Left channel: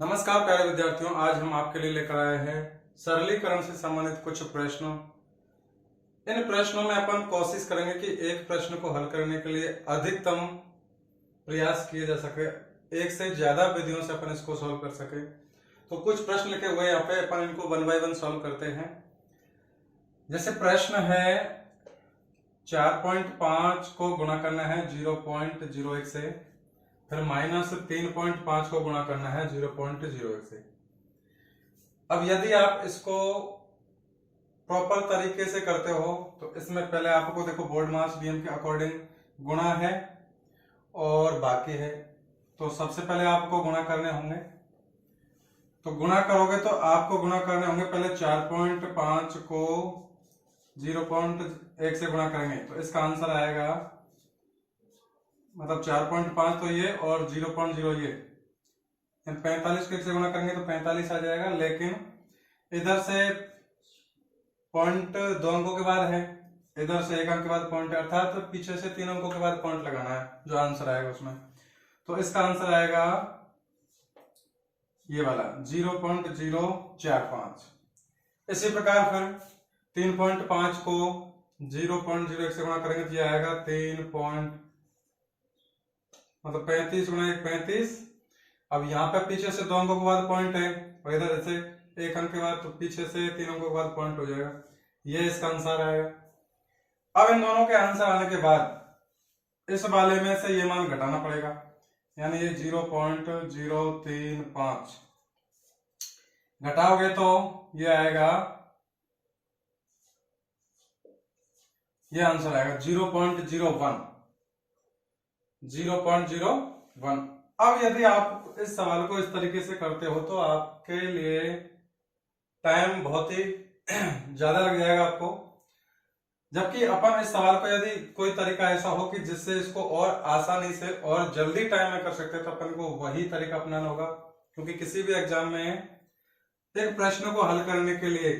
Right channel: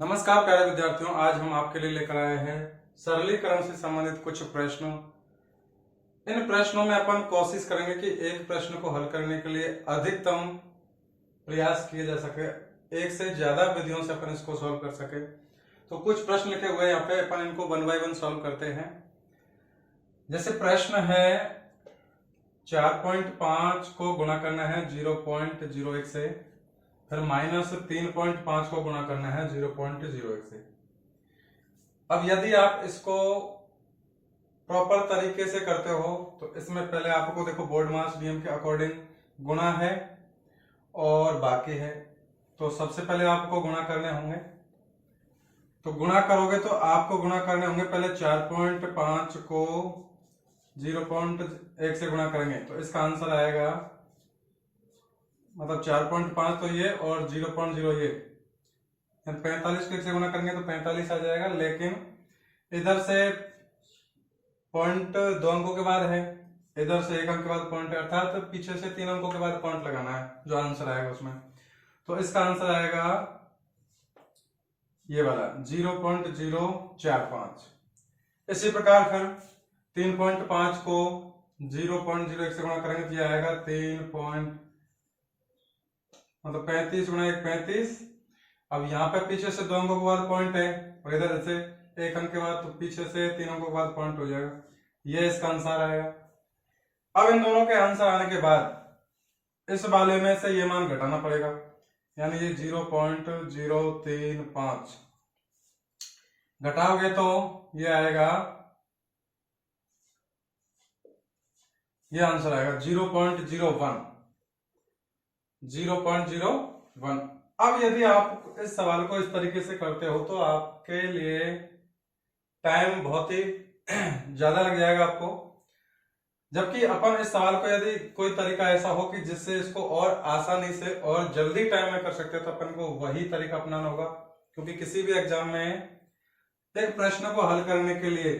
नमस्कार प्यारे विद्यार्थियों, आज हम आपके लिए लेकर आए हैं सरलीकरण से संबंधित कुछ प्रश्न। इन प्रश्नों में अपन कोशिश करेंगे कि एक प्रश्न को हल करने के लिए अधिकतम प्रयास किए जा सके, एक से ज्यादा विधियों से अपन इसको सॉल्व कर सके। तो कुछ प्रश्न लिखे हुए यहाँ पे, अपन इनको 1 बाय 1 सॉल्व करते हैं। जैसे प्रश्न है 4.5 को गुणा करना है 0.01 से, फिर -3.5 को गुणा करना है 0.01 से। अब यदि आप इसको प्रॉपर तरीके से करते हो तो इसमें पहले आपको देखो बोर्ड मास नियम के अकॉर्डिंग गुणा है और बाकी है, तो सबसे पहले आपको गुणा करने होंगे। तो गुणा करोगे तो आपको गुणा करने होंगे, पहले 4.5 को 0.1 से गुणा करेंगे तो इसका आंसर आएगा, मतलब 4.5 तो ये और 0.0 ये, 45 को 1 से गुणा करेंगे तो 45 आ जाएगा। लेकिन इधर से पॉइंट 2 अंकों के बाद है, इधर से 1 अंक के बाद पॉइंट है, अर्थात तो पीछे से 3 अंकों के बाद पॉइंट लगाना है जो आंसर आएगा उसमें। तो इसका आंसर आएगा ये वाला 0.045। इसी प्रकार फिर 3.5 को 0.01 से गुणा करेंगे तो ये आएगा 35 गुणा 1 35। अब यहाँ पे पीछे से 2 अंकों के बाद पॉइंट है और इधर से 1 अंक के बाद, तो पीछे से 3 अंकों के बाद पॉइंट हो जाएगा, ये इसका आंसर आएगा। अब इन दोनों के आंसर आने के बाद इस वाले में से ये मान घटाना पड़ेगा, यानी ये 0.035 घटाओगे तो ये आएगा, ये आंसर आएगा 0.01। अब यदि आप इस सवाल को इस तरीके से करते हो तो आपके लिए टाइम बहुत ही ज्यादा लग जाएगा आपको। जबकि अपन इस सवाल को यदि कोई तरीका ऐसा हो कि जिससे इसको और आसानी से और जल्दी टाइम में कर सकते हैं तो अपन को वही तरीका अपनाना होगा, क्योंकि किसी भी एग्जाम में एक प्रश्न को हल करने के लिए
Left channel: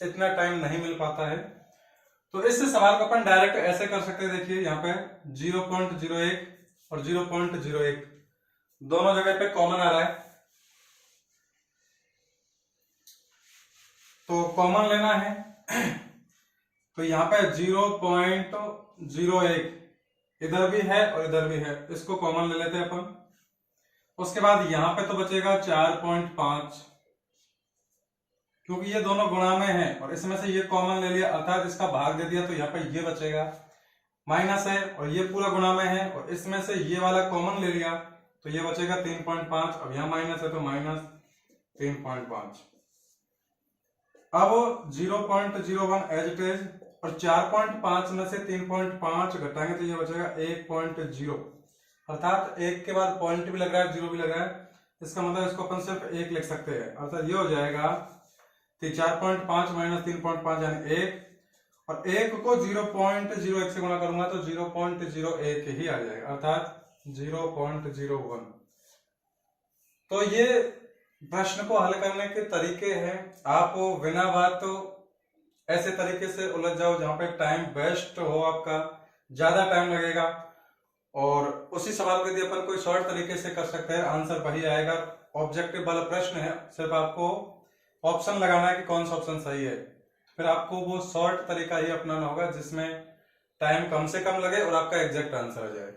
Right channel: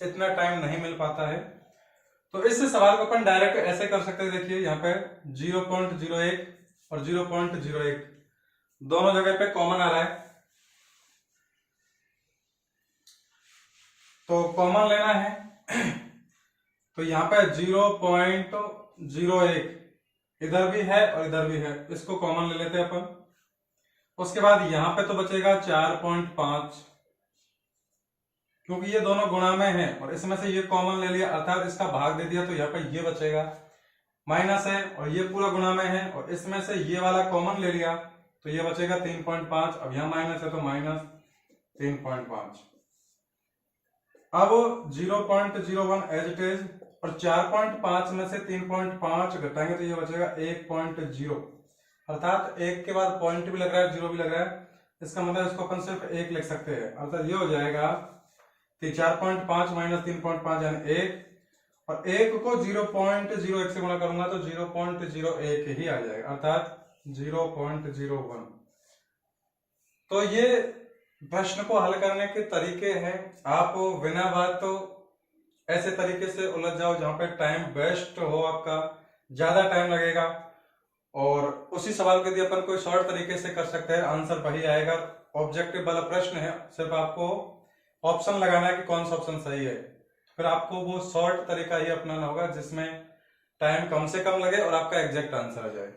इतना टाइम नहीं मिल पाता है। तो इस सवाल को अपन डायरेक्ट ऐसे कर सकते हैं। देखिए यहाँ पे 0.01 और 0.01 दोनों जगह पे कॉमन आ रहा है, तो कॉमन लेना है। तो यहाँ पे 0.01 इधर भी है और इधर भी है, इसको कॉमन ले लेते हैं अपन। उसके बाद यहाँ पे तो बचेगा 4.5, क्योंकि ये दोनों गुणा में है और इसमें से ये कॉमन ले लिया, अर्थात इसका भाग दे दिया, तो यहाँ पे ये बचेगा। माइनस है और ये पूरा गुणा में है और इसमें से ये वाला कॉमन ले लिया तो ये बचेगा 3.5। अब यहाँ माइनस है तो -3.5। अब 0.01 एज इट इज, और 4.5 में से 3.5 घटाएंगे तो ये बचेगा 1.0, अर्थात 1 के बाद पॉइंट भी लग रहा है, 0 भी लग रहा है, इसका मतलब इसको अपन सिर्फ 1 लिख सकते हैं। अर्थात ये हो जाएगा 4.5 - 3.5 यानी 1, और 1 को 0.01 से गुणा करूंगा तो 0.01 ही आ जाएगा, अर्थात 0.01। तो ये प्रश्न को हल करने के तरीके हैं। आप बिना बात तो ऐसे तरीके से उलझ जाओ जहां पे टाइम वेस्ट हो, आपका ज्यादा टाइम लगेगा, और उसी सवाल के लिए अपन कोई शॉर्ट तरीके से कर सकते हैं, आंसर वही आएगा। ऑब्जेक्टिव वाला प्रश्न है, सिर्फ आपको ऑप्शन लगाना है कि कौन सा ऑप्शन सही है, फिर आपको वो शॉर्ट तरीका ही अपनाना होगा जिसमें टाइम कम से कम लगे और आपका एग्जैक्ट आंसर आ जाए।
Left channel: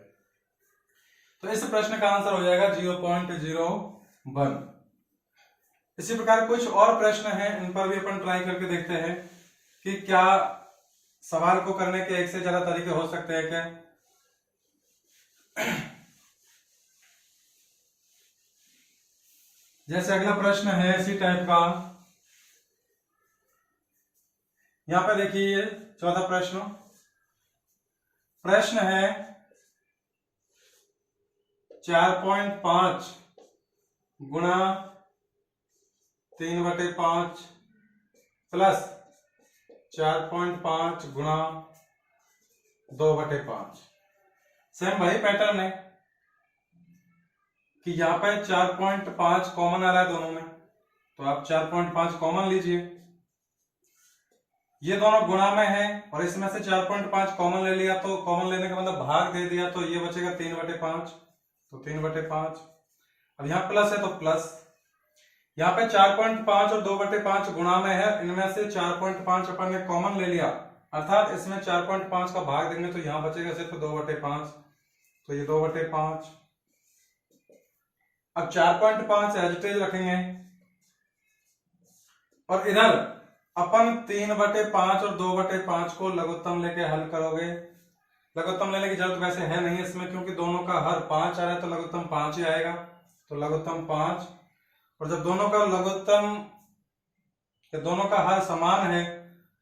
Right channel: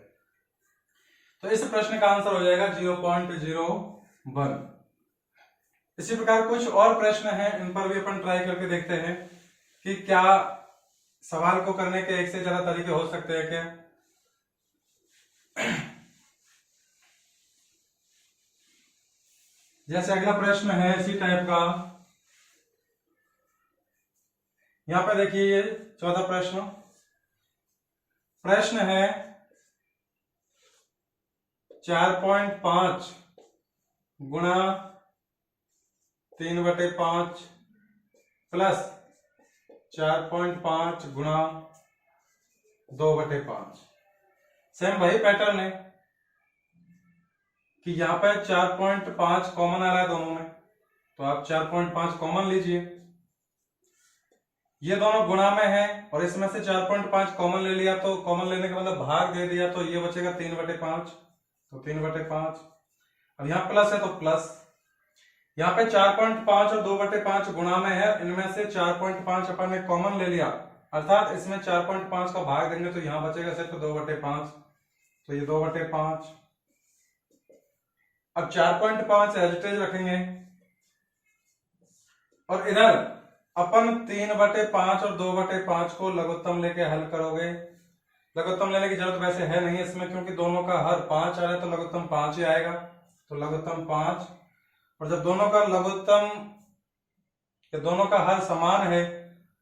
तो इस प्रश्न का आंसर हो जाएगा 0.01। इसी प्रकार कुछ और प्रश्न हैं, इन पर भी अपन ट्राई करके देखते हैं कि क्या सवाल को करने के एक से ज्यादा तरीके हो सकते हैं क्या। जैसे अगला प्रश्न है इसी टाइप का, यहां पर देखिए ये चौथा प्रश्न है 4.5 गुणा 3/5 प्लस 4.5 गुणा 2/5। सेम वही पैटर्न है कि यहाँ पे 4.5 कॉमन आ रहा है दोनों में, तो आप 4.5 कॉमन लीजिए। ये दोनों गुणा में है और इसमें से 4.5 कॉमन ले लिया, तो कॉमन लेने का मतलब भाग दे दिया, तो ये बचेगा 3/5, तो 3/5। अब यहाँ प्लस है तो प्लस, यहाँ पे 4.5 और 2/5 गुणा में है, इनमें से 4.5 अपन ने कॉमन ले लिया, अर्थात इसमें 4.5 का भाग देंगे तो यहाँ बचेगा सिर्फ 2/5, तो ये 2/5। अब 4.5 एज इट इज रखेंगे और इधर अपन 3/5 और 2/5 को लघुत्तम लेके हल करोगे। लघुत्तम लेने की जरूरत वैसे है नहीं इसमें, क्योंकि दोनों का हर 5 आ रहा है तो लघुत्तम 5 ही आएगा, तो लघुत्तम 5। और जब दोनों का लघुत्तम, दोनों का हर समान है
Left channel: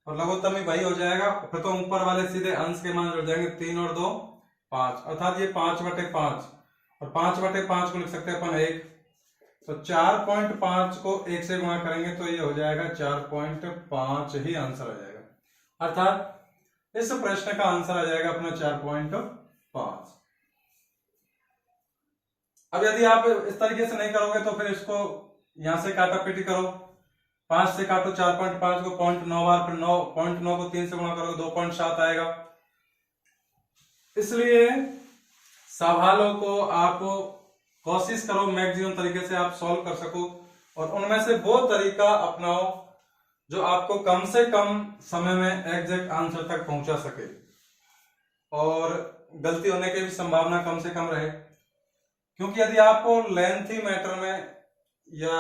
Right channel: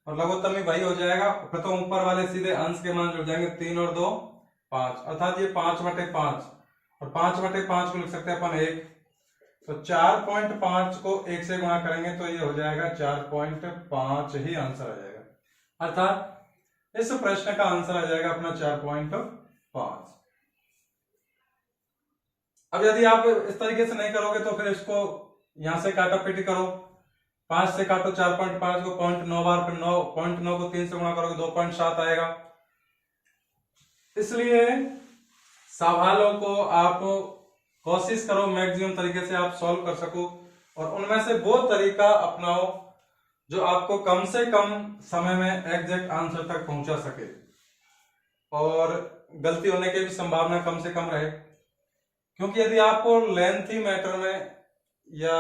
और लघुत्तम ही वही हो जाएगा, फिर तो ऊपर वाले सीधे अंश के मान जुड़ जाएंगे, 3 और 2 5, अर्थात ये 5/5 और 5/5 को लिख सकते हैं अपन 1, तो 4.5 को 1 से गुणा करेंगे तो ये हो जाएगा 4.5 ही आंसर आ जाएगा, अर्थात इस प्रश्न का आंसर आ जाएगा अपना 4.5। अब यदि आप इस तरीके से नहीं करोगे तो फिर इसको यहां से काटा पीटी करो, 5 से काटो 4.5 को 0.9 बार, फिर 0.9 को 3 से गुणा करोगे 2.7 आएगा। इसलिए सवालों को आप कोशिश करो मैक्सिमम तरीके से आप सॉल्व कर सको और उनमें से वो तरीका अपनाओ जो आपको कम से कम समय में एग्जैक्ट आंसर तक पहुंचा सके और गलती होने की भी संभावना कम से कम रहे। क्योंकि यदि आप लेंथी मैटर में या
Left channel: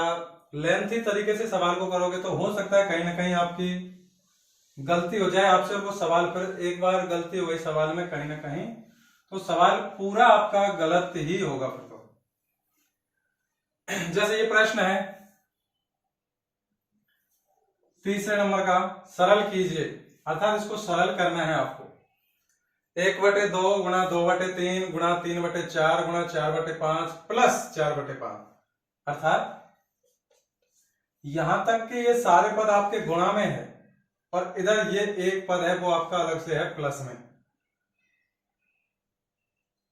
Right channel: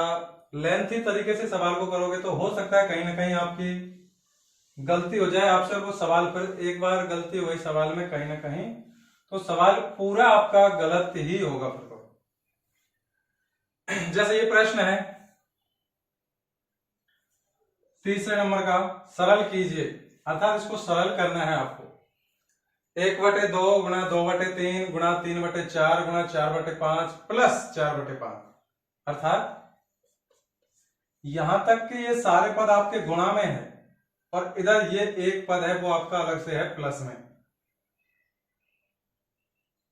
लेंथी तरीके से सवाल को करोगे तो हो सकता है कहीं ना कहीं आपकी गलती हो जाए, आपसे वो सवाल पर एक बार गलती हो गई सवाल में कहीं ना कहीं तो सवाल पूरा आपका गलत ही होगा फिर तो। जैसे ये प्रश्न है तीसरे नंबर का, सरल कीजिए, अर्थात इसको सरल करना है आपको। 1/2 गुणा 2/3 गुणा 3/4 गुणा 4/5 प्लस 4/5, अर्थात यहां तक कि ये सारे पद आपके गुणा में है और इधर ये एक पद है वो आपका अलग से है प्लस में।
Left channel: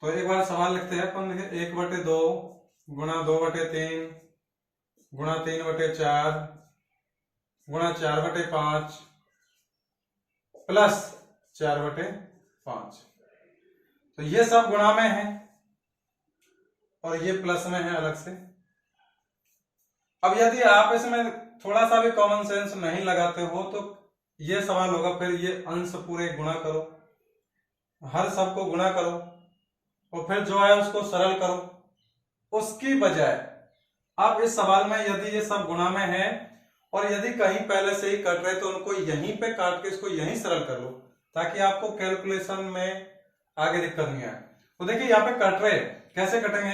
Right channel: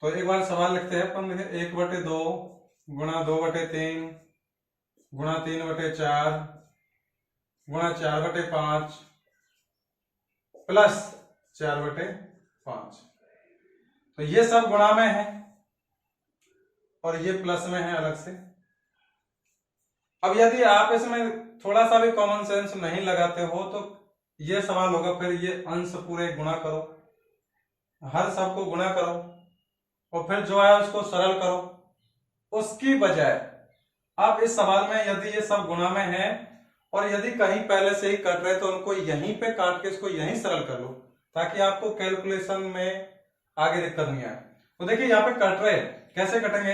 तो एक बार सवाल लिखते हैं अपन, 1/2 गुणा 2/3 गुणा 3/4 गुणा 4/5 प्लस 4/5, तो ये सब गुणा में है और ये प्लस में है अलग से। अब यदि आप इसमें थोड़ा सा भी कॉमन सेंस नहीं लगाते हो तो ये सवाल होगा फिर ये अंश पूरे गुणा करो, हर सब को गुणा करो और फिर जो है उसको सरल करो। उसकी बजाय आप इस सवाल में यदि ये सब गुणा में है और यदि कहीं पहले से ही कट रहे तो उनको यहीं पे काट के इसको यहीं सरल कर लो ताकि आपको कैलकुलेशन में आगे दिक्कत नहीं आए। तो देखिए यहाँ पे कट रहे कैसे कटेंगे,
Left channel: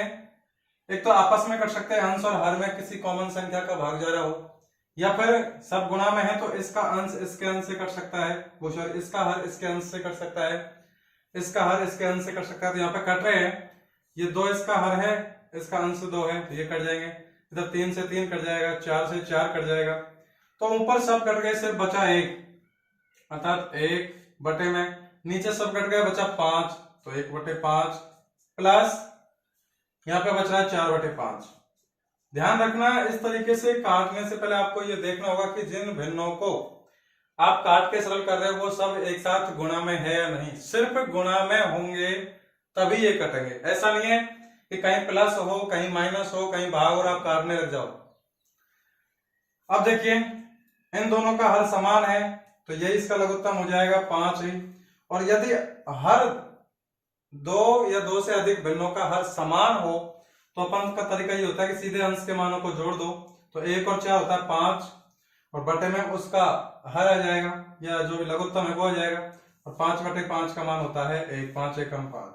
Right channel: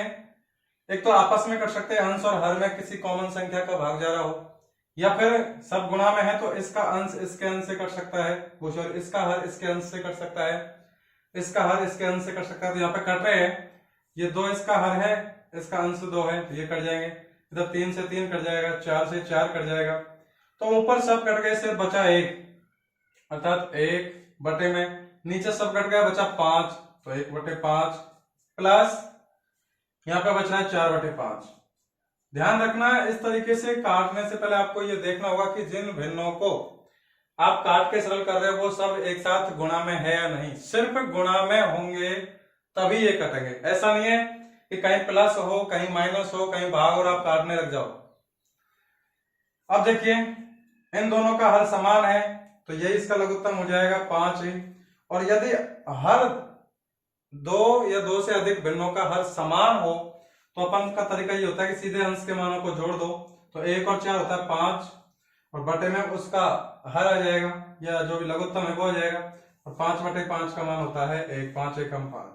एक तो आपस में कट सकते हैं, अंश और हर में किसी कॉमन संख्या का भाग जा रहा हो, या फिर सब गुणा में है तो इसका अंश इसके अंश से कट सकता है, इसका हर इसके अंश से कट सकता है, इसका हर इसके अंश से कट सकता है। तो यहाँ पे कट रहे हैं, ये 2 इसका हर है, इसका अंश 2 है तो ये कट जाएंगे, इधर 3 से 3 कट जाएगा, 4 से 4 कट जाएगा, तो ऊपर सब कट गए सिर्फ बचा 1, अर्थात 1 बटे में, नीचे सब कट गया बचा 5 तो 1/5 प्लस यहाँ पे बच रहा है 4/5। ध्यान रखना इस तरीके से काटने से पहले आपको ये देखना होगा कि जिन भिन्नों को आप काट के सरल कर रहे हो वो सब एक साथ गुणा में है या नहीं, सिर्फ गुणा में होंगे तभी ये कटेंगे। ऐसा नहीं है कि कहीं प्लस हो कहीं माइनस हो कहीं भाग और आप काटने लग जाओ। अब देखिए इन दोनों का हर समान है तो यही इसका लघुत्तम हो जाएगा 5 ही, और यदि हर 2 या 2 से अधिक भिन्नों का हर समान हो तो अपन का तरीका ये होता है कि सीधे अंश के मानों को जोड़ दो, तो 1 और 4 होता है 5 और बटे में उसका हर आ जाएगा या जो भी लघुत्तम है वो आ जाएगा, और 5/5 का मान होता है 1, 5 एकम 5,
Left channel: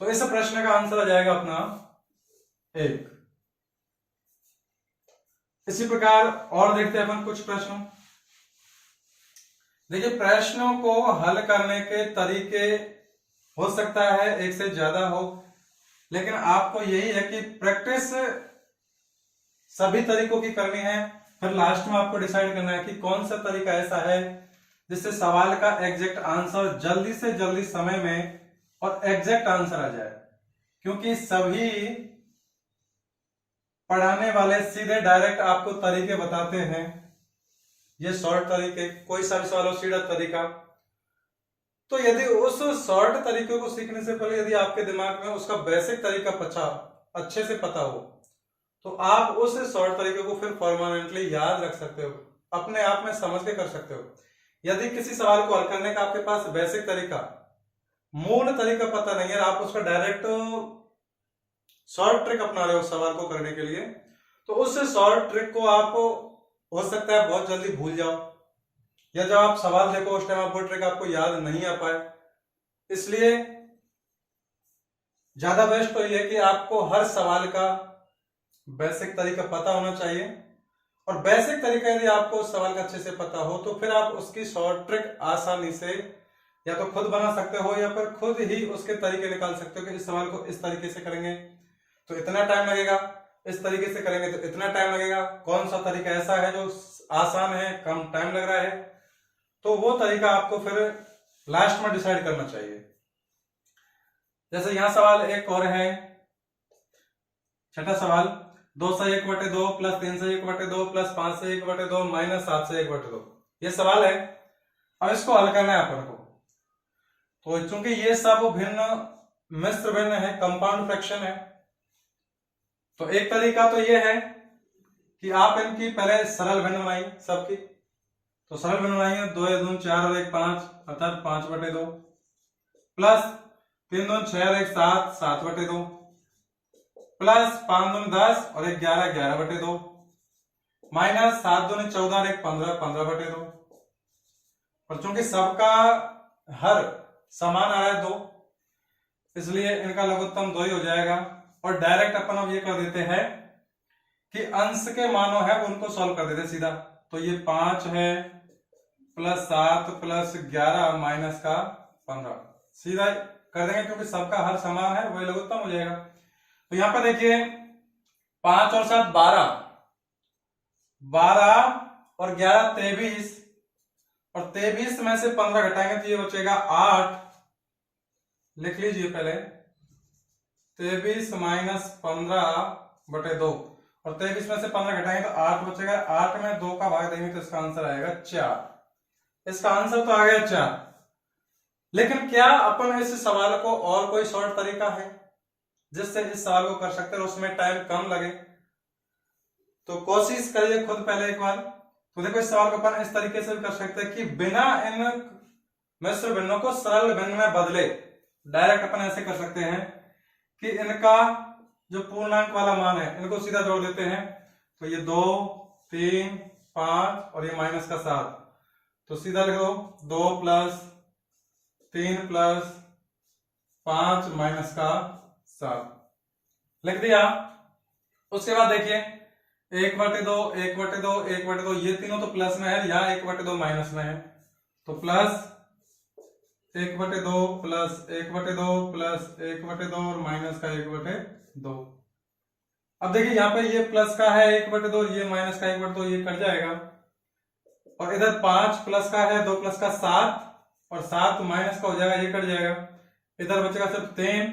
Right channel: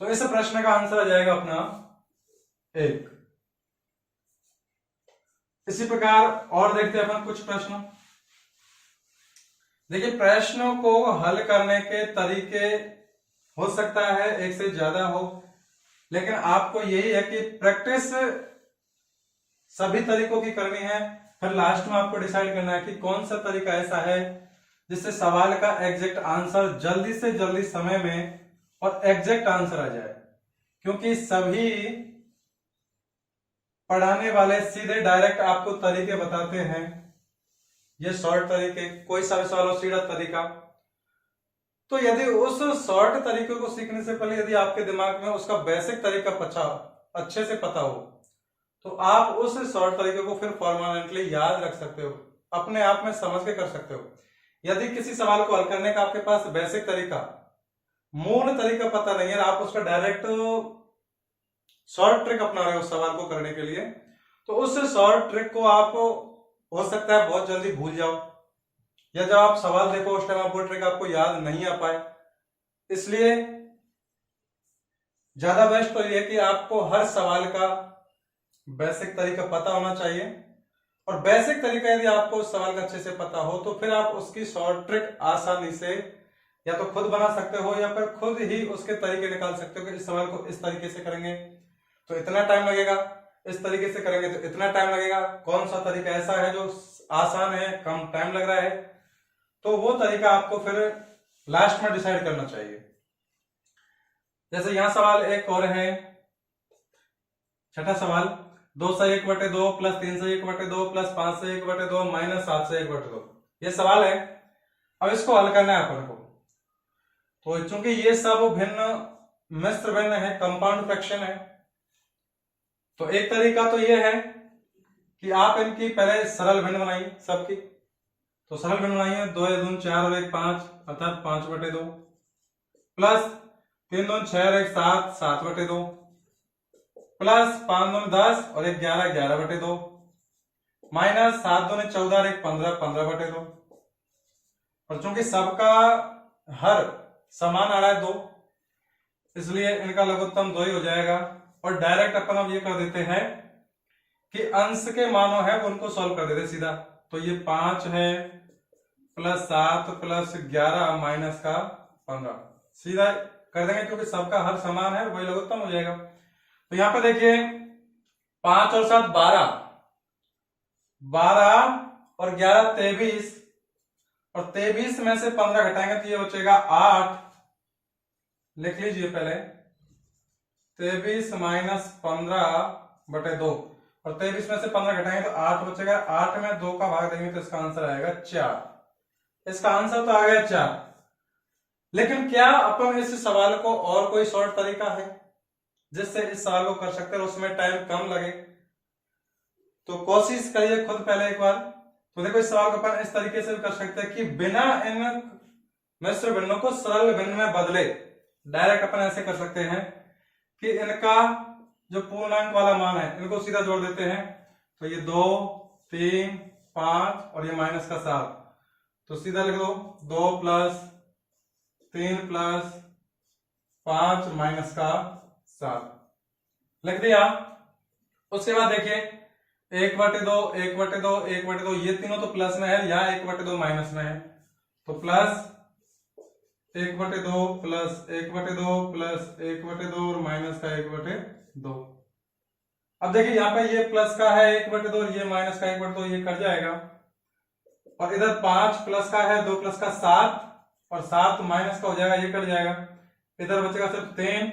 तो इस प्रश्न का आंसर आ जाएगा अपना 1। इसी प्रकार और देखते हैं अपन कुछ प्रश्नों। देखिए प्रश्नों को हल करने के तरीके हो सकता है एक से ज्यादा हो, लेकिन आपको यही है कि प्रैक्टिस सभी तरीकों की करनी है, फिर लास्ट में आपको डिसाइड करना है कि कौन सा तरीका ऐसा है जिससे सवाल का एग्जैक्ट आंसर जल्दी से जल्दी समय में और एग्जैक्ट आंसर आ जाए। क्योंकि सभी पढ़ाने वाले सीधे डायरेक्ट आपको तरीके बताते हैं, ये शॉर्ट तरीके, कोई सा भी सवाल हो सीधा तरीका। तो यदि उस शॉर्ट तरीके को सीखने से पहले यदि आपके दिमाग में उसका बेसिक तरीका अच्छे से पता हो तो आप उस शॉर्ट तरीके को फिर परमानेंटली याद रख सकते हो, अपने आप में समझ के कर सकते हो। यदि किसी सवाल को हल करने का आपके पास बेसिक तरीका, मूल तरीका पता नहीं है, आप उसका डायरेक्ट शॉर्ट ट्रिक अपना रहे हो सवाल को करने के लिए, तो उस शॉर्ट ट्रिक को आप हो सकता है बहुत जल्दी भूल जाओ, या जब आप सवाल देखो उस टाइम आप वो ट्रिक आपको याद नहीं आ पाए। इसलिए ज्यादा बेस्ट तो ये है कि आपको हर सवाल का बेसिक तरीका पता होना चाहिए, और बेसिक तरीका यदि आपको उस सवाल का अच्छे से पता हो तो फिर आप उसकी शॉर्ट ट्रिक आसानी से या तो खुद बना सकते हो या फिर खुद ही उसके तरीके निकाल सकते हो कि इस सवाल को इस तरीके से करेंगे तो इतना टाइम लगेगा, इस तरीके से करेंगे तो इतना टाइम लगेगा, कौन सा तरीका ऐसा है जो आसान है, कम टाइम लग रहा है, तो वो तरीका आपको फिर लास्ट में डिसाइड करना चाहिए। जैसे यहां सवाल एक और है, छठा सवाल, 2 से 1/2 प्लस 3 से 1/2 प्लस 5 से 1/2 माइनस 7 से 1/2, ये सवाल है। अब इसको हल करना है अपन को। तो चूंकि ये सब भिन्न मिश्र भिन्न है, कंपाउंड फ्रैक्शन है, तो एक तरीका तो ये है कि आप इनकी पहले सरल भिन्न बनाइए सबकी। तो सरल भिन्न बनाइए, 2 दूनी 4 और 1 5 अर्थात 5/2 प्लस 3 दूनी 6 और 1 7 7/2 प्लस 5 दूनी 10 और 1 11 11/2 माइनस 7 दूनी 14 और 1 15 15/2। और चूंकि सबका हर समान आ रहा है 2, इसलिए इनका लघुत्तम 2 ही हो जाएगा। और डायरेक्ट अपन अब ये कर देते हैं कि अंश के मानों है उनको सॉल्व कर देते सीधा। तो ये 5 है प्लस 7 प्लस 11 माइनस का 15 सीधा कर देंगे, क्योंकि सबका हर समान है, वही लघुत्तम हो जाएगा। तो यहां पर देखिए 5 और 7 12, 12 और 11 23, और 23 में से 15 घटाएंगे तो ये बचेगा 8। लिख लीजिए पहले 23 माइनस 15/2, और 23 में से 15 घटाएंगे तो 8 बचेगा। 8 में 2 का भाग देंगे तो इसका आंसर आएगा 4। इसका आंसर तो आ गया 4। लेकिन क्या अपन इस सवाल को और कोई शॉर्ट तरीका है जिससे इस सवाल को कर सकते हैं, उसमें टाइम कम लगे? तो कोशिश करिए खुद पहले एक बार। तो देखो इस सवाल को अपन इस तरीके से भी कर सकते हैं कि बिना इन मिश्र भिन्नों को सरल भिन्न में बदले डायरेक्ट अपन ऐसे कर सकते हैं कि इनका जो पूर्णांक वाला मान है इनको सीधा जोड़ देते हैं। तो ये 2 3 5 और ये माइनस का 7, तो सीधा लिख दो 2 प्लस 3 प्लस 5 माइनस का 7 लिख दिया। उसके बाद देखिए 1/2 1/2 1/2, ये तीनों तो प्लस में है, यहाँ 1/2 माइनस में है, तो प्लस 1/2 प्लस 1/2 प्लस 1/2 और माइनस का 1/2। अब देखिए यहाँ पे ये प्लस का है 1/2, ये माइनस का 1/2, ये कट जाएगा। और इधर 5 प्लस का है, 2 प्लस का 7 और 7 माइनस का हो जाएगा, ये कट जाएगा। इधर बचेगा सिर्फ 3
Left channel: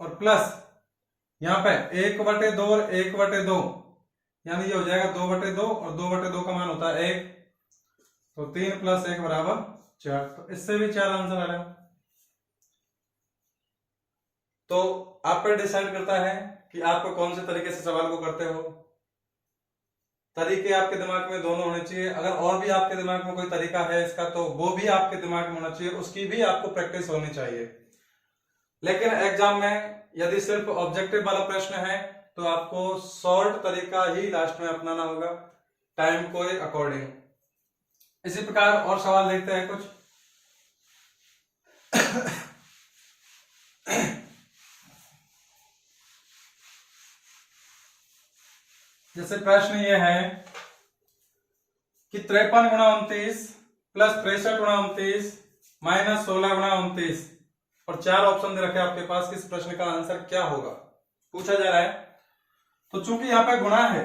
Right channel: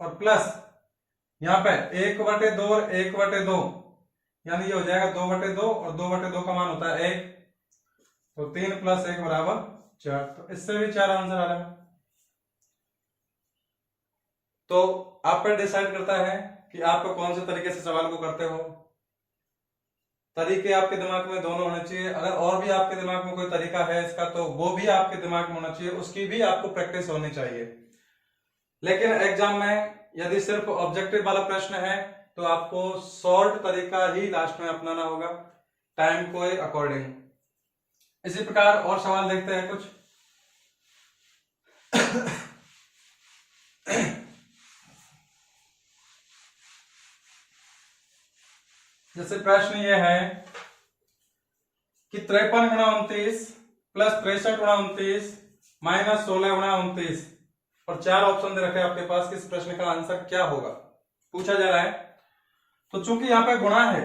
और प्लस यहाँ पे 1/2 और 1/2, यानी ये हो जाएगा 2/2 और 2/2 का मान होता है 1, तो 3 प्लस 1 बराबर 4। तो इससे भी 4 आंसर आ रहा है। तो आप पे डिसाइड करता है कि आपको कौन से तरीके से सवाल को करते हो। तरीके आपके दिमाग में दोनों होने चाहिए। अगर और भी आपके दिमाग में कोई तरीका है इसका तो वो भी आपके दिमाग में होना चाहिए, उसकी भी आपको प्रैक्टिस होनी चाहिए। लेकिन एग्जाम में यदि सिर्फ ऑब्जेक्टिव वाला प्रश्न है तो आपको शॉर्ट तरीका ही लास्ट में अपनाना होगा, टाइम को अकॉर्डिंग। इसी प्रकार और सवाल देखते हैं कुछ। जैसे प्रश्न ये है कि 53 गुणा 29 प्लस 63 गुणा 29 माइनस 16 गुणा 29, और 4 ऑप्शन दे रखे आपके पास कि इस प्रश्न का आंसर क्या होगा, पूछा जा रहा है। तो चूंकि यहां पे गुणा है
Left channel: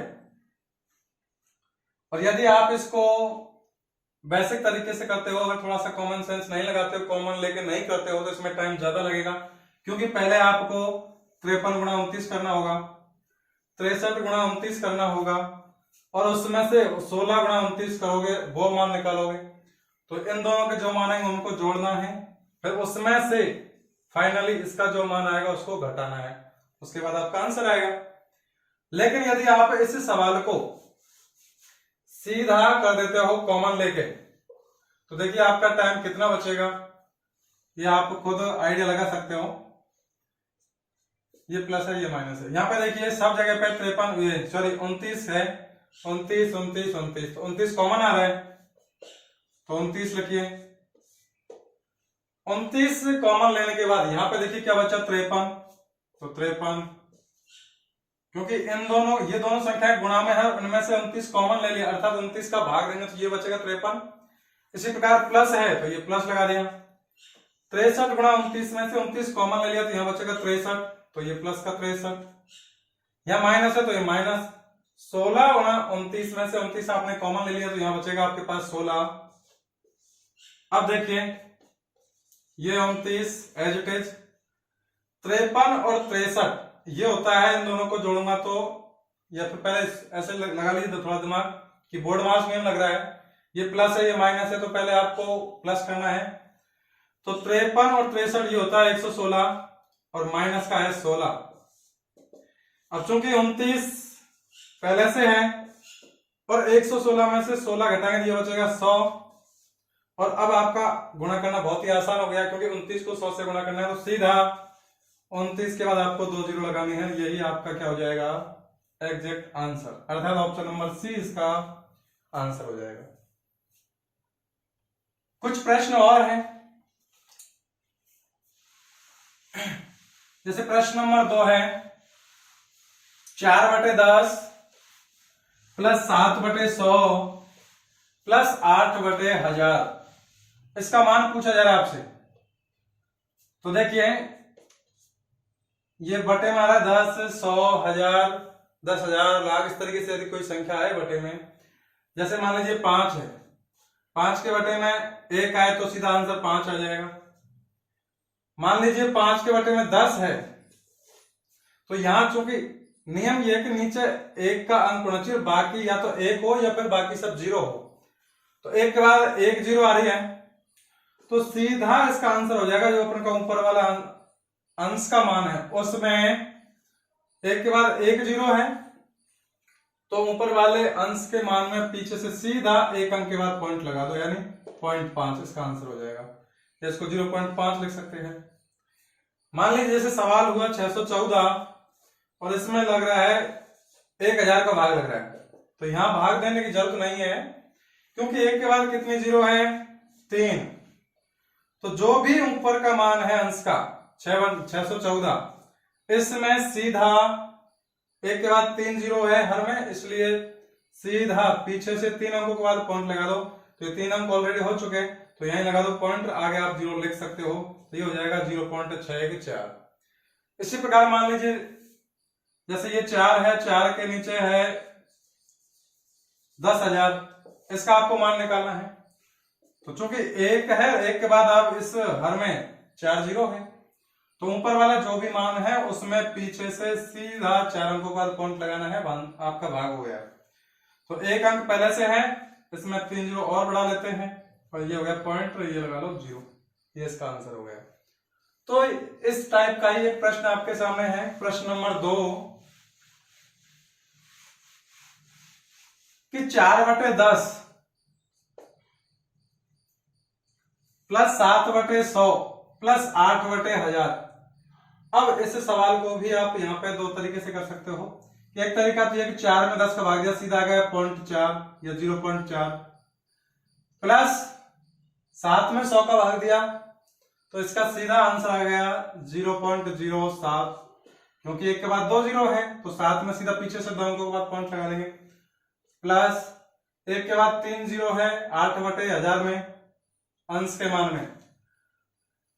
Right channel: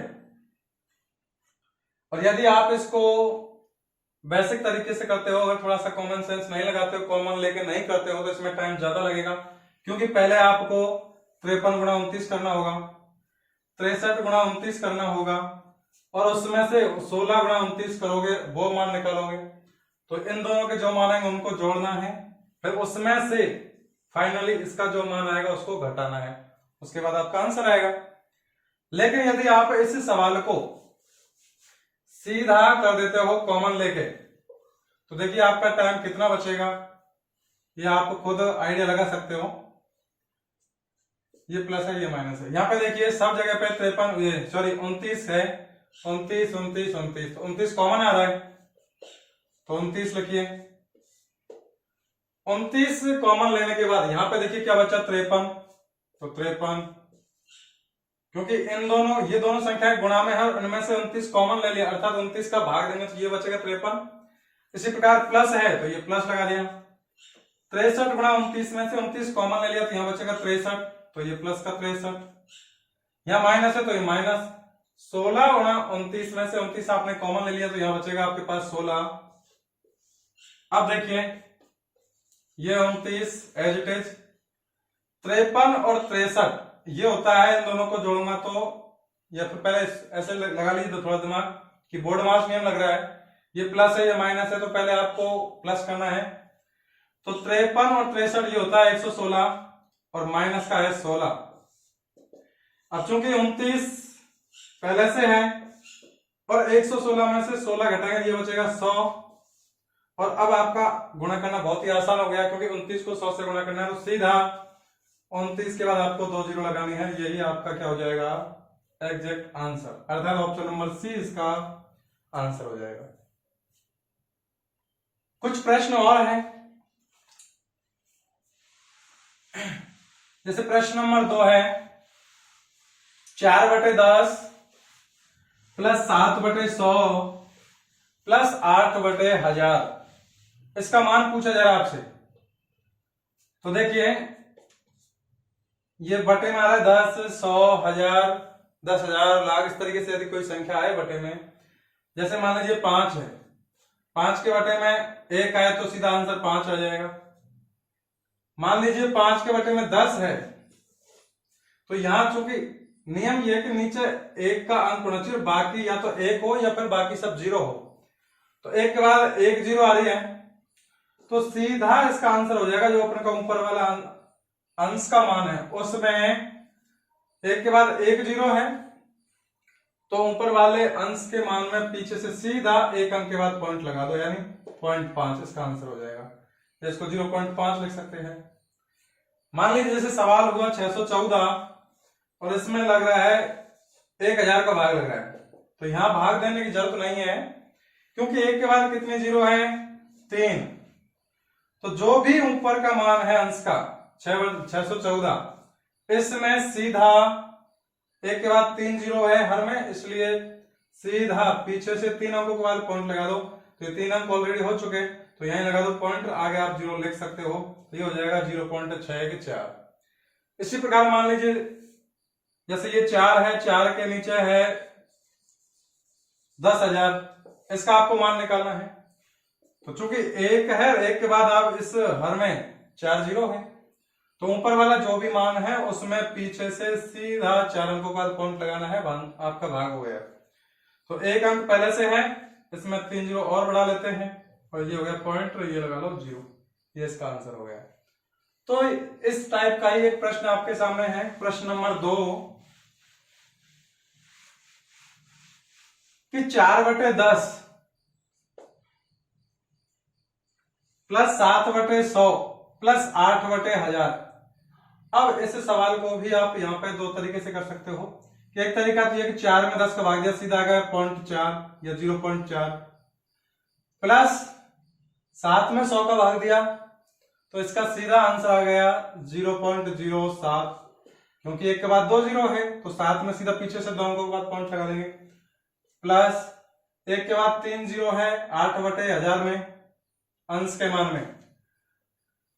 और यदि आप इसको बेसिक तरीके से करते हो, अगर थोड़ा सा कॉमन सेंस नहीं लगाते हो, कॉमन लेके नहीं करते हो, तो इसमें टाइम ज्यादा लगेगा। क्योंकि पहले आपको 53 गुणा 29 करना होगा, 63 गुणा 29 करना होगा, और उसमें से 16 गुणा 29 करोगे, वो मान निकालोगे। तो इन दोनों के जो मान आएंगे उनको जोड़ना है, फिर उसमें से फाइनली इसका जो मान आएगा उसको घटाना है, उसके बाद आपका आंसर आएगा। लेकिन यदि आप इस सवाल को सीधा कर देते हो कॉमन लेके, तो देखिए आपका टाइम कितना बचेगा, ये आप खुद आइडिया लगा सकते हो। ये प्लस है, ये माइनस है। यहाँ पे देखिए सब जगह पे 53 ये सॉरी 29 है, 29 29 29, तो 29 कॉमन आ रहा है तो 29 लिखिए। 29 कॉमन लेने के बाद यहाँ पे देखिए क्या बचा 53, तो 53, क्योंकि इन दोनों ये दोनों संख्याएं गुणा में है, इनमें से 29 कॉमन ले लिया, अर्थात 29 का भाग देंगे तो ये बचेगा 53। इसी प्रकार प्लस है तो ये प्लस लगा दिया। 63 गुणा 29 में से 29 कॉमन ले लिया तो यहाँ बचेगा 63, तो ये प्लस का 63। यहाँ माइनस है तो ये माइनस। 16 गुणा 29 में से 29 आपने कॉमन ले लिया तो यहाँ बचेगा आपके पास 16। अब देखिए ये 29 एज इट इज। 53 और 63 ये होता है, इन दोनों को जोड़ूंगा तो, या फिर पहले ऐसे लगा लीजिए तो थोड़ा दिमाग कि बोर्ड मास नियम लग रहा है, ये प्लस है ये माइनस है तो पहले आपको प्लस करना है। तो 53 और 63 ये होता है 116 और माइनस का है 16। अब चूंकि 29 पहले से है और 116 में से 16 घटाएंगे ये बचेगा 100। और अब आपका गुणा करना बहुत ही आसान हो गया, क्योंकि 29 को 100 से गुणा करना है तो सीधा 29 के बाद आपको 2 जीरो लगानी है। यही आपका क्या हो जाएगा, एग्जैक्ट आंसर, अर्थात ऑप्शन नंबर सी इसका आंसर हो जाएगा। कुछ प्रश्न और हैं, जैसे प्रश्न नंबर 2 है 4/10 प्लस 7/100 प्लस 8/1000, इसका मान पूछा जा रहा है आपसे। तो देखिए ये बटे में आ रहा है 10, 100, 1000, 10,000, लाख, इस तरीके से यदि कोई संख्या है बटे में, जैसे मान लीजिए 5 है, 5 के बटे में 1 आए तो सीधा आंसर 5 आ जाएगा। मान लीजिए 5 के बटे में 10 है, तो यहां चूंकि नियम ये है कि नीचे 1 का अंक होना चाहिए, बाकी या तो 1 हो या फिर बाकी सब 0 हो, तो 1 के बाद 1 0 आ रही है तो सीधा इसका आंसर हो जाएगा जो अपन का ऊपर वाला अंश का मान है उसमें 1 के बाद 1 0 है, तो ऊपर वाले अंश के मान में पीछे से सीधा 1 अंक के बाद पॉइंट लगा दो, यानी 0.5 इसका आंसर हो जाएगा। इसको 0.5 लिख सकते हैं। मान लीजिए जैसे सवाल हुआ 614 और इसमें लग रहा है 1000 का भाग लग रहा है, तो यहां भाग देने की जरूरत नहीं है, क्योंकि 1 के बाद कितने जीरो है 3, तो जो भी ऊपर का मान है अंश का 614, इसमें सीधा 1 के बाद 3 जीरो है हर में, इसलिए सीधा पीछे से 3 अंकों के बाद पॉइंट लगा दो, तो ये 3 अंक ऑलरेडी हो चुके, तो यहीं लगा दो पॉइंट, आगे आप जीरो लिख सकते हो, तो ये हो जाएगा 0.64। इसी प्रकार मान लीजिए जैसे ये 4 है, 4 के नीचे है 10,000, इसका आपको मान निकालना है, तो चूंकि 1 है, 1 के बाद आप इस हर में 4 जीरो है, तो ऊपर वाला जो भी मान है उसमें पीछे से सीधा 4 अंकों के बाद पॉइंट लगाना है, आपका भाग हो गया। तो 1 अंक पहले से है, इसमें 3 जीरो और बढ़ा लेते हैं और ये हो गया पॉइंट, और ये लगा लो 0, ये इसका आंसर हो गया। तो इस टाइप का ही एक प्रश्न आपके सामने है। प्रश्न नंबर 2 कि 4/10 प्लस 7/100 प्लस 8/1000। अब इस सवाल को भी आप यहाँ पे 2 तरीके से कर सकते हो, कि एक तरीका तो यह कि 4 में 10 का भाग दिया, सीधा आ गया 0.4 या 0.4, प्लस 7 में 100 का भाग दिया तो इसका सीधा आंसर आ गया 0.07, क्योंकि 1 के बाद 2 जीरो है, तो 7 में सीधा पीछे से 2 अंकों के बाद पॉइंट लगा देंगे, प्लस 1 के बाद 3 जीरो है 8/1000 में अंश के मान में,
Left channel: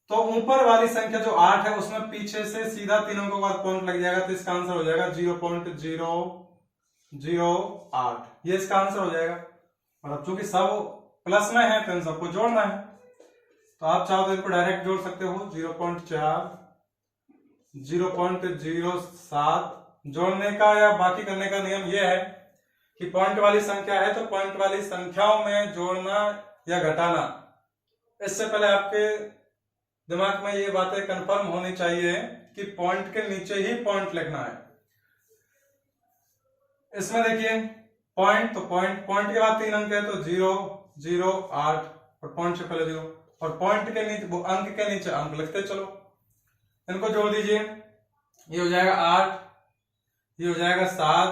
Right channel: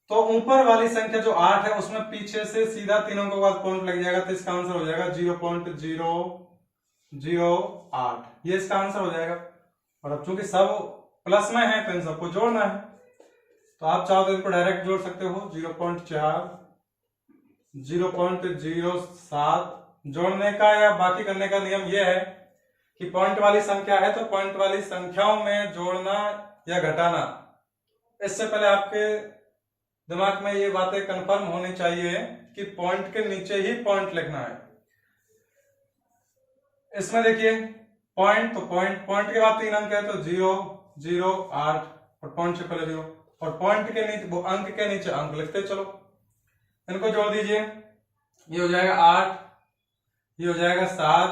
तो ऊपर वाली संख्या जो 8 है उसमें पीछे से सीधा 3 अंकों के बाद पॉइंट लग जाएगा, तो इसका आंसर हो जाएगा 0.008, ये इसका आंसर हो जाएगा। और अब चूंकि सब प्लस में है तो इन सबको जोड़ना है, तो आप चाहो तो इनको डायरेक्ट जोड़ सकते हो, 0.4 0.07। जोड़ने का या बाकी करने का नियम यह है कि पॉइंट वाली संख्या है तो पॉइंट वाली संख्याओं में जोड़ना या घटाना, इससे पहले आपके दिमाग में ये बातें कंफर्म होनी चाहिए कि पॉइंट के नीचे ही पॉइंट लिखना है। इसमें देखिए पॉइंट, तो पॉइंट के बाद 3 अंक है तो 0 0 8 और पॉइंट से पहले 0 और पॉइंट के नीचे वो अंक के नीचे अंक लिखते चलो, इनको जोड़ दीजिए, ये हो जाएगा 8, ये हो जाएगा 7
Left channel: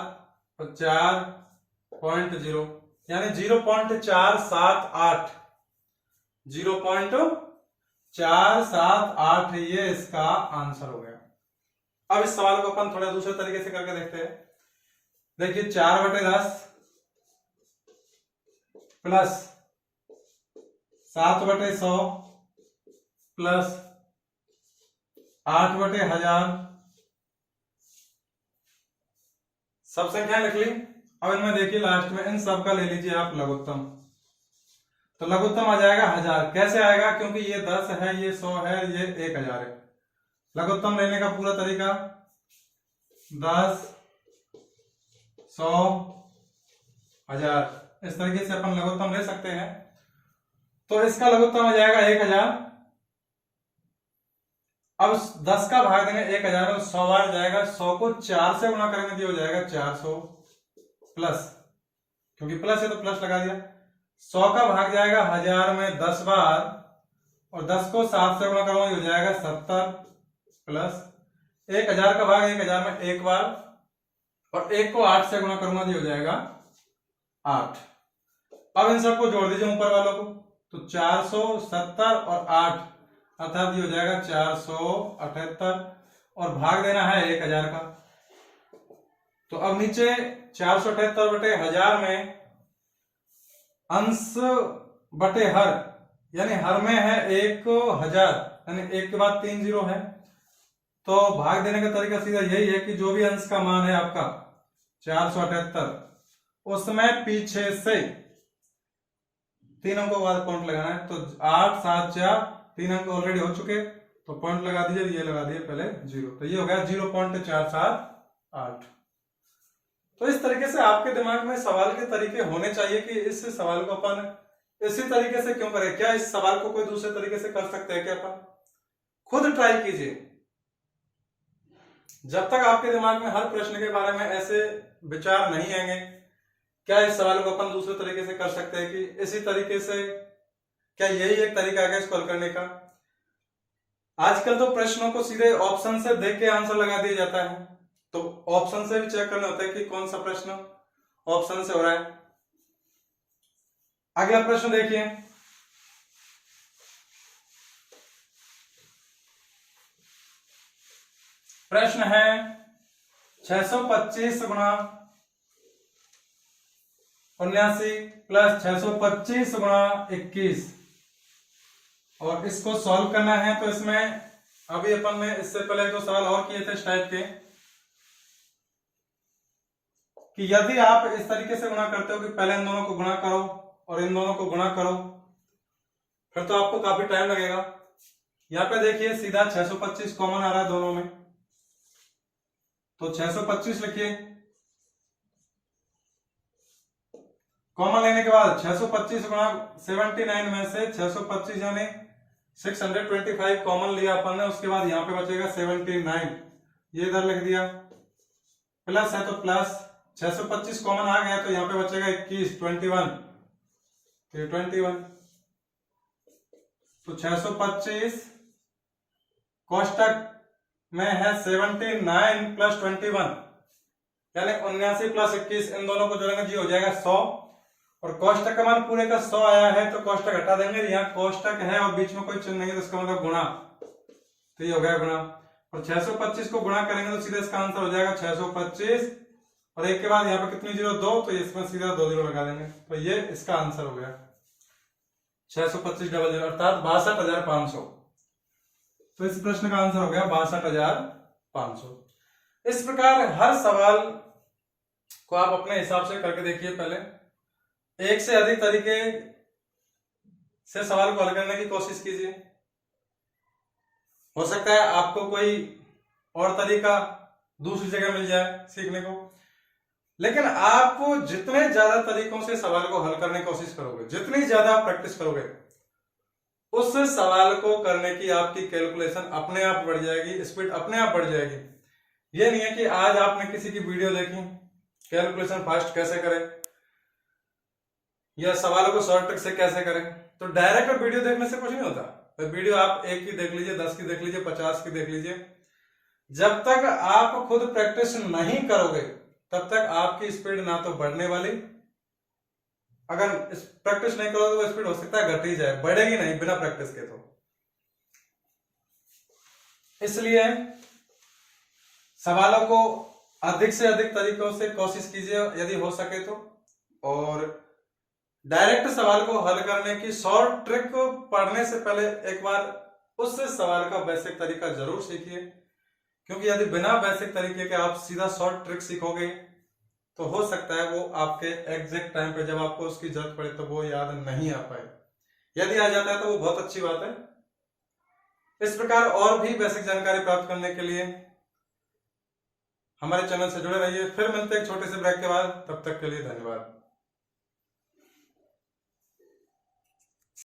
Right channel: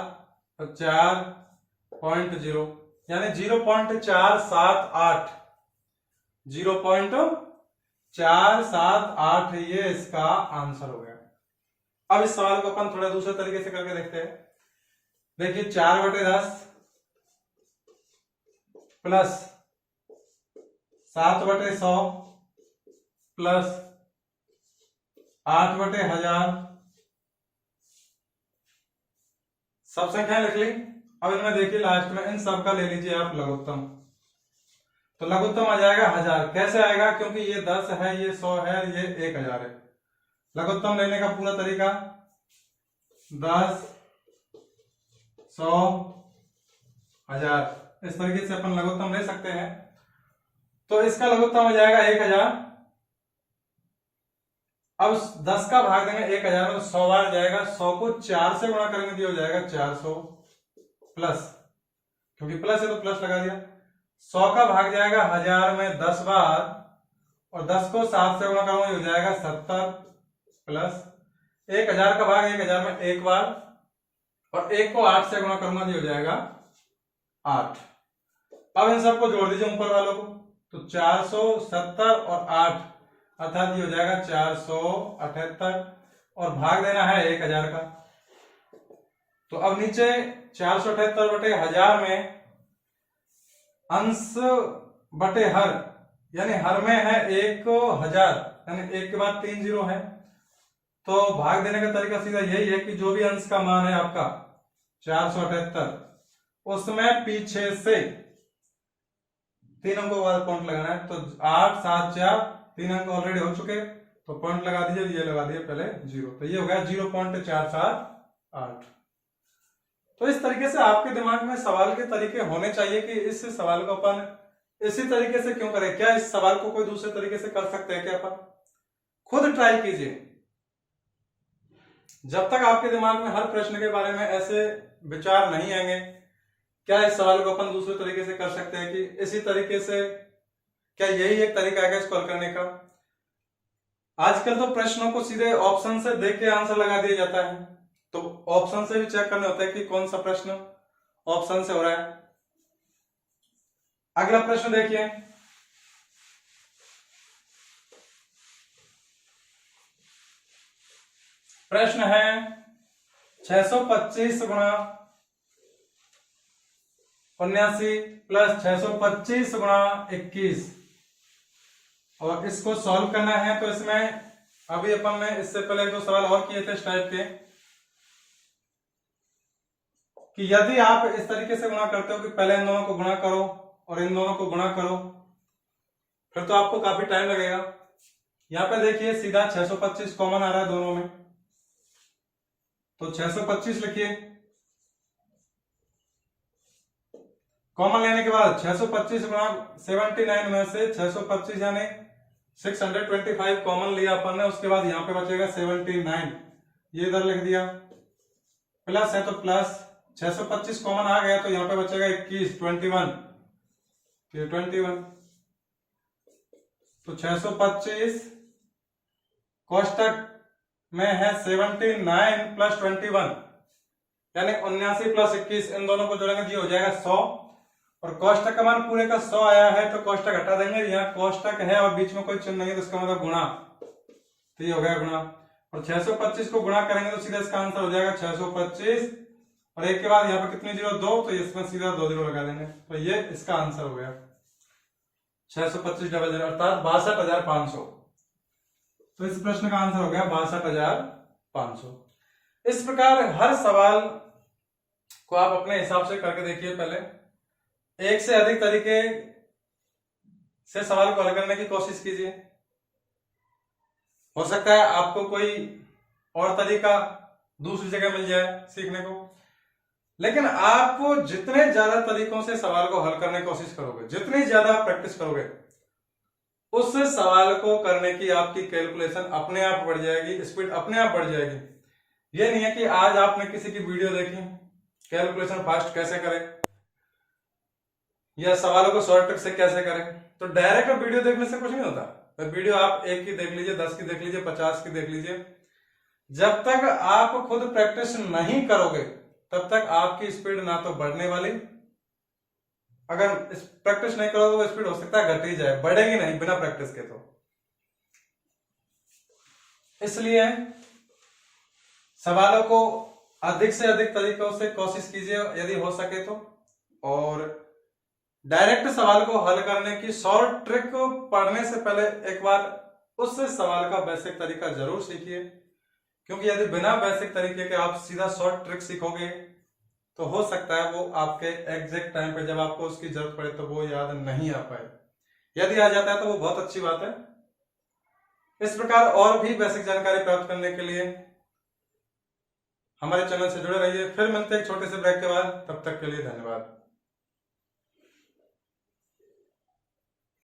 और 4.0 यानी 0.478, 0.478 ये इसका आंसर हो गया। अब इस सवाल को अपन थोड़ा दूसरे तरीके से करके देखते हैं। देखिए 4/10 प्लस 7/100 प्लस 8/1000 सब संख्याएं लिख ली। अब इनमें देखिए लास्ट में इन सब का ले लीजिए आप लघुत्तम, तो लघुत्तम आ जाएगा 1000। कैसे आएगा? क्योंकि ये 10 है, ये 100 है, ये 1000 है। लघुत्तम लेने का पूरा तरीका 10 100 1000 इस तरीके से अपन लघुत्तम ले सकते हैं। तो इसका लघुत्तम आ जाएगा 1000। अब 10 का भाग देंगे 1000 में 100 बार जाएगा, 100 को 4 से गुणा करेंगे तो हो जाएगा 400 प्लस, क्योंकि प्लस है तो प्लस लगा दिया। 100 का भाग जाएगा 1000 में 10 बार और 10 को 7 से गुणा करूंगा हो जाएगा 70 प्लस 1000 का भाग 1000 में एक बार और 1 को 8 से गुणा करूंगा तो हो जाएगा 8। अब इन सबको जोड़ दीजिए ऊपर वालों को, तो 470 और 8 अर्थात ये हो जाएगा 478 और भाग देना है 1000 का। तो अब नीचे 478/1000 में अंश बटे हर, यानी हर में है 1000 यानी 1 के बाद 3 जीरो है, तो भाग देने का तरीका सीधा यही है कि जो भी अंश का मान है आपका 478 उसमें पीछे से 3 अंकों के बाद पॉइंट लगाना है। तो 8 7 4 3 अंक ऑलरेडी हो चुके, तो पॉइंट लगा दीजिए, ये लगा दिए पहले 0, तो ये हो गया 0.478। तो इस तरीके से आपके दिमाग में सवाल के तरीके होने चाहिए कि इस सवाल को अपन इसी तरीके से क्यों करें, क्या इस सवाल को कोई दूसरे तरीके से कर सकते हैं क्या? अपन खुद ट्राई कीजिए। जब तक आपके दिमाग में हर प्रश्न के बारे में ऐसे विचार नहीं आएंगे, क्या इस सवाल को अपन दूसरे तरीके से कर सकते हैं कि इसी तरीके से, क्या यही एक तरीका है इसको हल करने का? आजकल तो प्रश्नों को सीधे ऑप्शन से देख के आंसर लगा दिया जाता है, तो ऑप्शन से भी चेक करना होता है कि कौन सा प्रश्न ऑप्शन से हो रहा है। अगला प्रश्न देखिए, प्रश्न है 625 गुणा 79 प्लस 625 गुणा 21 और इसको सॉल्व करना है। तो इसमें अभी अपन ने इससे पहले 2 सवाल और किए थे इस टाइप के कि यदि आप इस तरीके से गुणा करते हो कि पहले इन दोनों को गुणा करो और इन दोनों को गुणा करो, फिर तो आपको काफी टाइम लगेगा। यहां पे देखिए सीधा 625 कॉमन आ रहा है दोनों में, तो 625 लिखिए। कॉमन लेने के बाद 625 गुणा 79 में से 625 यानी 625 कॉमन लिया अपन ने, उसके बाद यहां पे बचेगा 79, ये इधर लिख दिया। प्लस है तो प्लस 625 कॉमन आ गया तो यहां पे बचेगा 21 21, तो ये 21, तो 625 कोष्टक में है 79 प्लस 21 यानी 79 प्लस 21, इन दोनों को जोड़ेंगे जी हो जाएगा 100 और कोष्टक का मान पूरे का 100 आया है तो कोष्टक हटा देंगे, यहाँ कोष्टक है और बीच में कोई चिन्ह नहीं है तो इसका मतलब गुणा, तो ये हो गया गुणा। और 625 को गुणा करेंगे तो सीधा इसका आंसर हो जाएगा 625 और एक के बाद यहाँ पे कितने जीरो 2, तो इसमें सीधा 2 जीरो लगा देंगे, तो ये इसका आंसर हो गया 625 डबल जीरो अर्थात 62,500। तो इस प्रश्न का आंसर हो गया 62,500। इस प्रकार हर सवाल को आप अपने हिसाब से करके देखिए। पहले एक से अधिक तरीके से सवाल को हल करने की कोशिश कीजिए। हो सकता है आपको कोई और तरीका दूसरी जगह मिल जाए सीखने को, लेकिन आप जितने ज्यादा तरीकों से सवाल को हल करने की कोशिश करोगे, जितनी ज्यादा प्रैक्टिस करोगे, उस सवाल को करने की आपकी कैलकुलेशन अपने आप बढ़ जाएगी, स्पीड अपने आप बढ़ जाएगी। ये नहीं है कि आज आपने किसी की वीडियो देखी, कैलकुलेशन फास्ट कैसे करें या सवालों को शॉर्ट ट्रिक से कैसे करें। तो डायरेक्ट वीडियो देखने से कुछ नहीं होता। तो वीडियो आप 1 की देख लीजिए, 10 की देख लीजिए, 50 की देख लीजिए, जब तक आप खुद प्रैक्टिस नहीं करोगे तब तक आपकी स्पीड ना तो बढ़ने वाली, अगर प्रैक्टिस नहीं करोगे तो स्पीड हो सकता है घट ही जाए, बढ़ेगी नहीं बिना प्रैक्टिस के। तो इसलिए सवालों को अधिक से अधिक तरीकों से कोशिश कीजिए यदि हो सके तो, और डायरेक्ट सवाल को हल करने की शॉर्ट ट्रिक को पढ़ने से पहले एक बार उस सवाल का बेसिक तरीका जरूर सीखिए, क्योंकि यदि बिना बेसिक तरीके के आप सीधा शॉर्ट ट्रिक सीखोगे तो हो सकता है वो आपके एग्जैक्ट टाइम पे जब आपको उसकी जरूरत पड़े तो वो याद नहीं आ पाए। यदि आ जाता है तो वो बहुत अच्छी बात है। इस प्रकार और भी बेसिक जानकारी प्राप्त करने के लिए हमारे चैनल से जुड़े रहिए। फिर मिलते हैं एक छोटे से ब्रेक के बाद, तब तक के लिए धन्यवाद।